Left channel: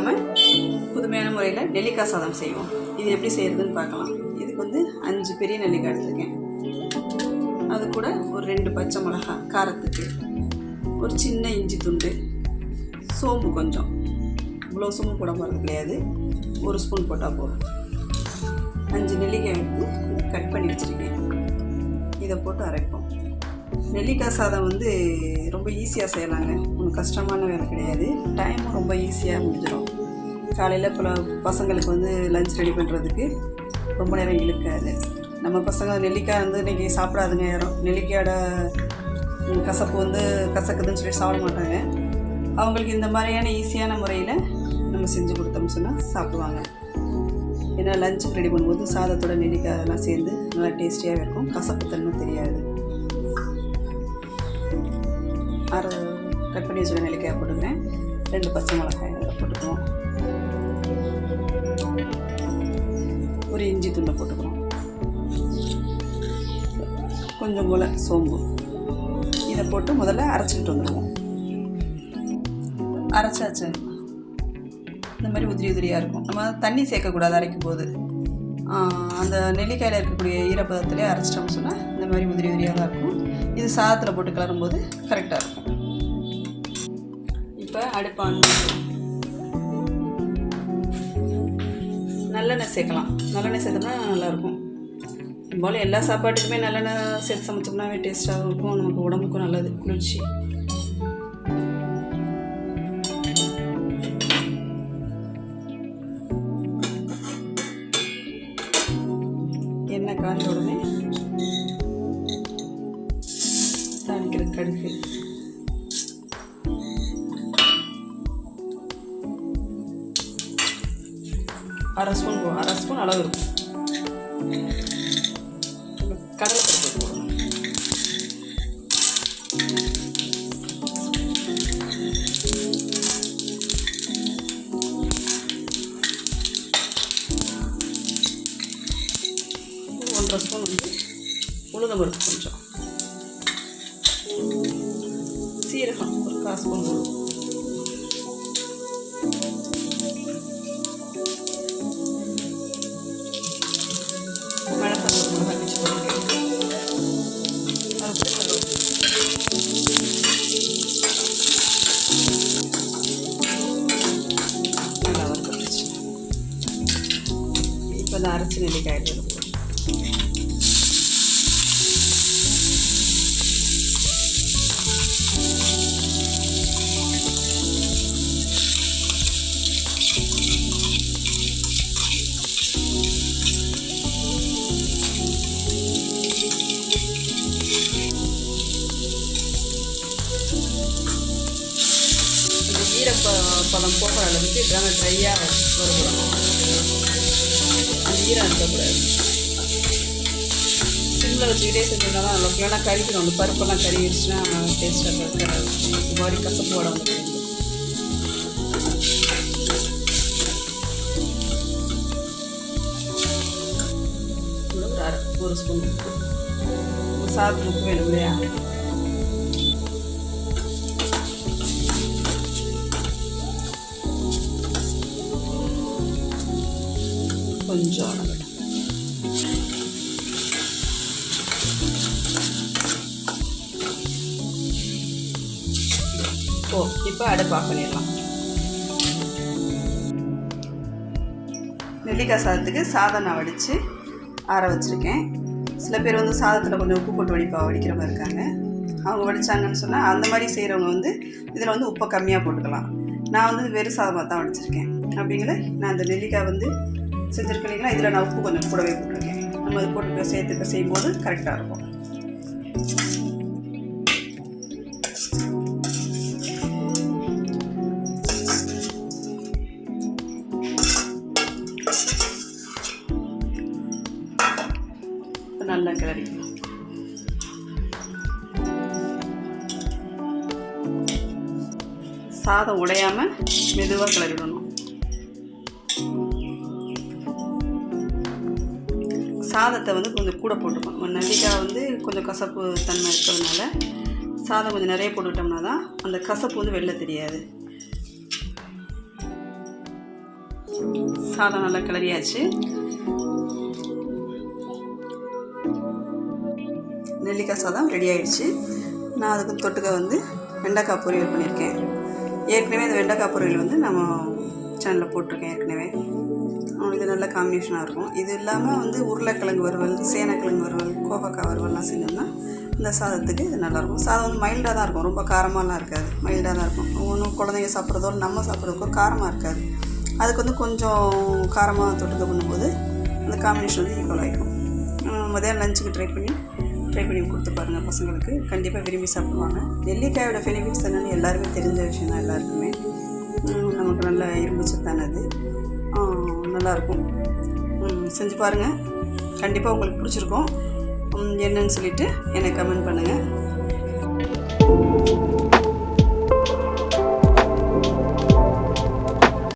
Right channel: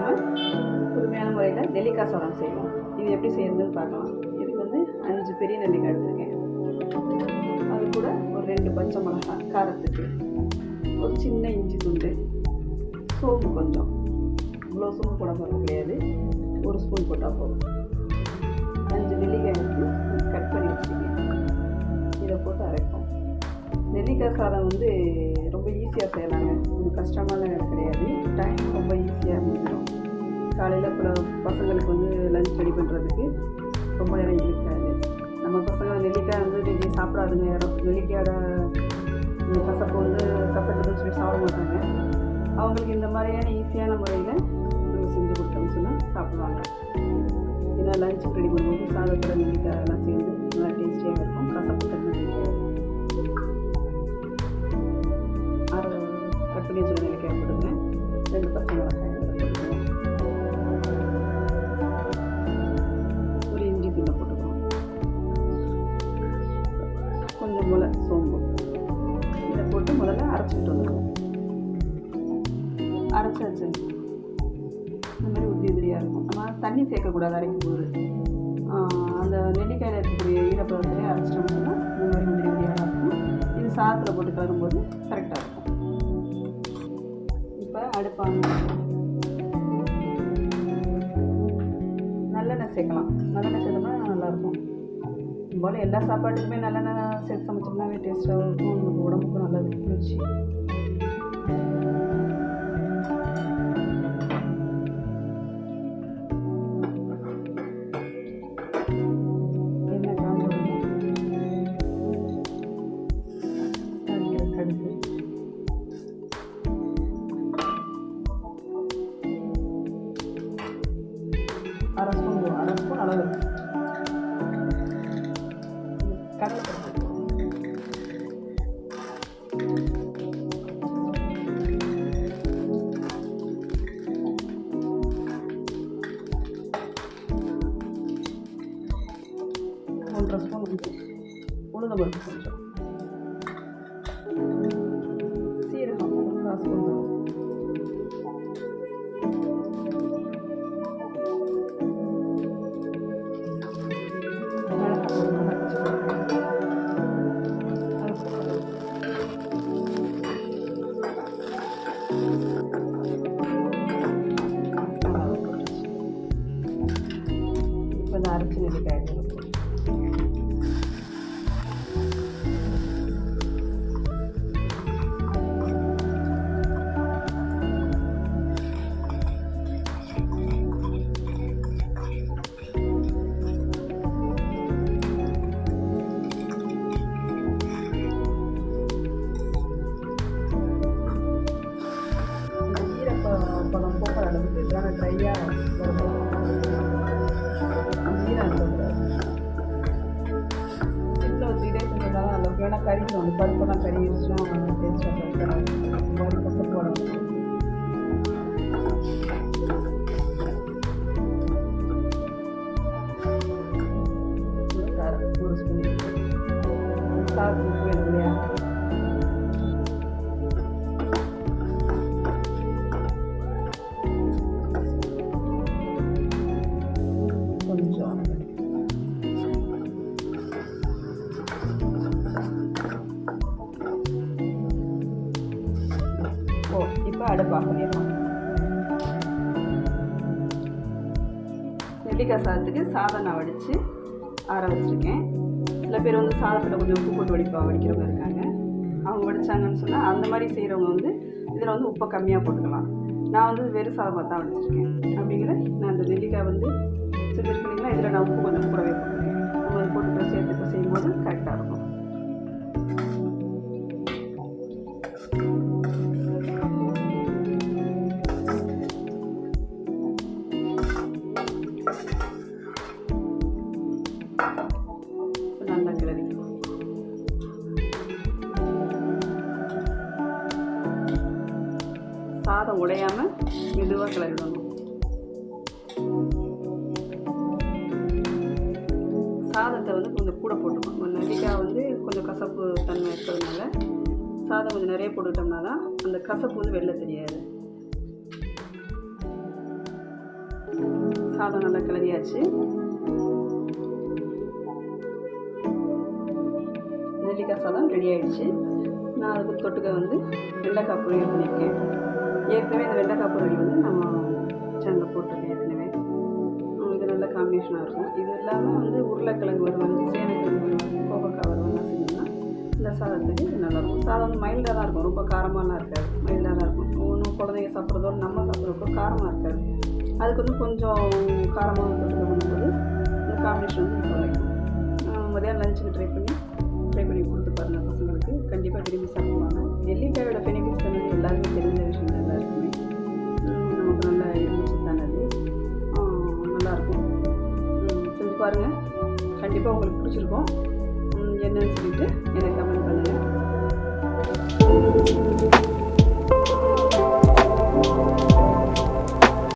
இல்லாமல் புதுமையான முறையில் நெல்லிக்காய் சாதம் செய்வோம். இது எப்படி செய்கிறதுன்னு பார்க்கலாம். இதுக்கு வந்து 5 பெரிய நெல்லிக்காய் எடுத்துருக்கேன். அது கூட ஒரு 2 பச்சை மிளகாய் காரத்துக்கு, ஒரு சின்ன இஞ்சி துண்டு, சோம்பு கொஞ்சம், இவ்வளோ சோம்பு போட போகிறது கிடையாது, 1 ஸ்பூன் போட்டால் போதும். 5 நெல்லிக்காய் எடுத்து கட் பண்ணி வச்சுருக்கேன். இதை போட்டு அரைப்போம். நெல்லிக்காய் சாதம் வந்து ரொம்ப ஈஸியாக செய்யலாங்க. ஒன்றும் கஷ்டமான வேலை கிடையாது. டைம் ரொம்ப ஈஸியாக முடிஞ்சிடும். காலையில் பசங்களுக்கு வந்து லஞ்ச் ரெடி பண்ணுறதுக்கு ரொம்ப நேரம் இழுக்காது. நம்ம பசங்க நெல்லிக்காய் வந்து இன்றைக்கி சாப்பிடாதுங்க. யாரும் நெல்லிக்காயோட கசப்பு வந்து கசக்குதுன்னு சொல்லி சாப்பிட மாட்டாங்க. அவங்களுக்கு இந்த மாதிரியான ஈஸியான முறையில் நம்ம செஞ்சு கொடுத்தோம்னு சொன்னால் சாப்பிடுவாங்க. ஏன்னா லஞ்சுக்கு ரெடி பண்ணும்போது சாதத்தோட நெல்லிக்காயெல்லாம் சேர்ந்து நல்லா டேஸ்டியாக இருக்கும். கசப்பு தன்மை தெரியாது. கட் பண்ணி வச்சுருக்க நெல்லிக்காய் போட்டுக்கிறேன். 2 பச்சை மிளகாய் போட்டுக்குவோம். ஒரு இஞ்சி துண்டை போட்டுக்கிறோம். கொஞ்சம் போல் சோம்பு. இதை போட்டு முதல்ல அரைச்சிக்கிட்டு வந்துடுவோம். அரைச்சாச்சு. இந்த மாதிரி உதிரி உதிரியாக இருக்கும். நம்ம தண்ணி சேர்க்கக்கூடாது அரைக்கும் போது. அந்த நெல்லிக்காயில் இருக்கக்கூடிய ஈரப்பதத்திலே அரைச்சிட்டோம்னு சொன்னால் இந்த மாதிரி உதிரி உதிரியாக தான் இருக்கும். இது சாதத்தில் போட்டு கலரும்போது கரெக்டாக இருக்கும். இப்போ அடுப்பான் நல்லெண்ணெய் சேர்க்கலாம். நல்லெண்ணெய் சேர்த்தோம்னா நல்லாயிருக்கும். போல் எல்லா சாப்பாட்டுக்குமே நல்லெண்ணெய் சேர்த்து சமைச்சோம்னாவே டேஸ்ட்டாகவும் இருக்கும். நமக்கு உடம்புக்கும் நல்லது, குளிர்ச்சி. எண்ணெய் காஞ்ச உடனே தாளிக்கிற கடுகு, அரை ஸ்பூன் அளவு இருக்கும். கடலைப்பருப்பு போடுவோம். ஒன்றரை ஸ்பூன் வந்து உளுந்தம்பருப்பு கொஞ்சம், சீரகம் ஒரு 1/4 ஸ்பூன் போடுவோம். இப்போ இந்த அரைச்சி நெல்லிக்காய் இருக்கும். ஈரப்பதம் போகிற அளவுக்கு இதெல்லாம் ட்ரையாக வரும். அந்த ஈரம் இருக்கக்கூடாது. சிம்மில் வச்சுக்கிட்டே செஞ்சதுனால அளவுக்கு வேணால் கறிக்கணும். அந்த பருப்பெல்லாம் கறிடுச்சுன்னா டேஸ்ட்டாக இருக்காது. இந்த மாதிரி கசப்பு உடம்பு. ஒரு ஸ்பூன் சாதத்துக்கு வேணும் இல்லையா? கொஞ்சம் இப்போ அடுப்பு ஆஃப் பண்ணிடலாம். நெல்லிக்காய் சாதத்துக்கு சாதம் நான் வடித்து ஆற வச்சுருக்கேன். சில பேர் வந்து சாதத்தில் கொஞ்சம் உப்பு போட்டு வடிக்கிறவங்க இருக்காங்க. அவங்க வடித்தாங்கன்னு சொன்னால் அந்த மாதிரி செய்கிறவங்க வந்து இதில் வந்து உப்பை கம்மியாக போட்டுக்கலாம். நான் வந்து வெறும் சாதமாக தான் வடிச்சிருக்கேன். அப்படிங்கிற நான் அந்த நெல்லிக்காய் வந்து செஞ்சுருக்கீங்களா, இதில் நான் உப்பு கொஞ்சம் கூடவே போட்டிருக்கேன். நம்ம அது போட்டு சேர்த்து செய்யும்போது கரெக்டாக இருக்கும். நல்லா கிளறி சாதம் உடையாமல் மெதுவாக கிளறிடணும். சாதத்தை வந்து கொஞ்சம் கூட போட்டுக்கணும். நெல்லிக்காய் வந்து கொஞ்சம் கசப்பு தன்மை இருக்கிறதுனால சாதம் கொஞ்சம் நிறைய போட்டுக்கிட்டோம்னா தான் அந்த கசப்பு வந்து வெளில தெரியாது. சாதம் நல்லா கிளறியாச்சு. நெல்லிக்காய் சாதம் ரெடி ஆகிடுச்சு. நான் அதுக்கு தொட்டுக்க வந்து வெண்டைக்காய் பொரியல் பண்ணியிருக்கேன். ஏற்கனவே இந்த வெண்டைக்காய் பொரியல் வந்து நம்ம சேனலில் போட்டிருக்கேன் ஏற்கனவே. இது நல்ல காம்பினேஷனாக இருக்கும். இது இல்லாமல் வந்து உருளைக்கிழங்கு வறுவல், சேனைக்கிழங்கு வறுவல், கோவக்காய் வறுவல்லாம் செஞ்சோம்னா இந்த சாதத்துக்கு இது நல்லாயிருக்கும். சாதம் வந்து மைல்டாக தான் இருக்கும், ரொம்ப காரமாலாம் இருக்காது, மைல்டாக தான் இருக்கும். ஒன்றும் குழந்தைங்க சாப்பிட்றதோ நம்ம சாப்பிட்றதுக்கோ காரமாக இருக்காது. அதுக்கு வந்து கொஞ்சம் காரமாக தொட்டுக்க பண்ணும்போது இந்த காம்பினேஷன் வந்து ஈக்குவல் ஆகிடும். மதியம் லஞ்சுக்கு ட்ரை பண்ணி கொடுத்து பாருங்கள் பசங்களுக்கு. கண்டிப்பாக விரும்பி சாப்பிடுவாங்க. நெல்லிக்காயோட பெனிஃபிட்ஸ் என்னென்னு எல்லாருமே தெரிஞ்ச விஷயம் தான் எல்லாருக்குமே. நமக்கு நல்ல இரும்பு சத்தானது, நல்லாயிருக்கும். செஞ்சு பாருங்கள், கண்டிப்பாக உங்களுக்கு பிடிச்சிருக்கும். என்னன்னு சொல்லிவிட்டு எனக்கு கமெண்ட் பண்ணுங்கள்.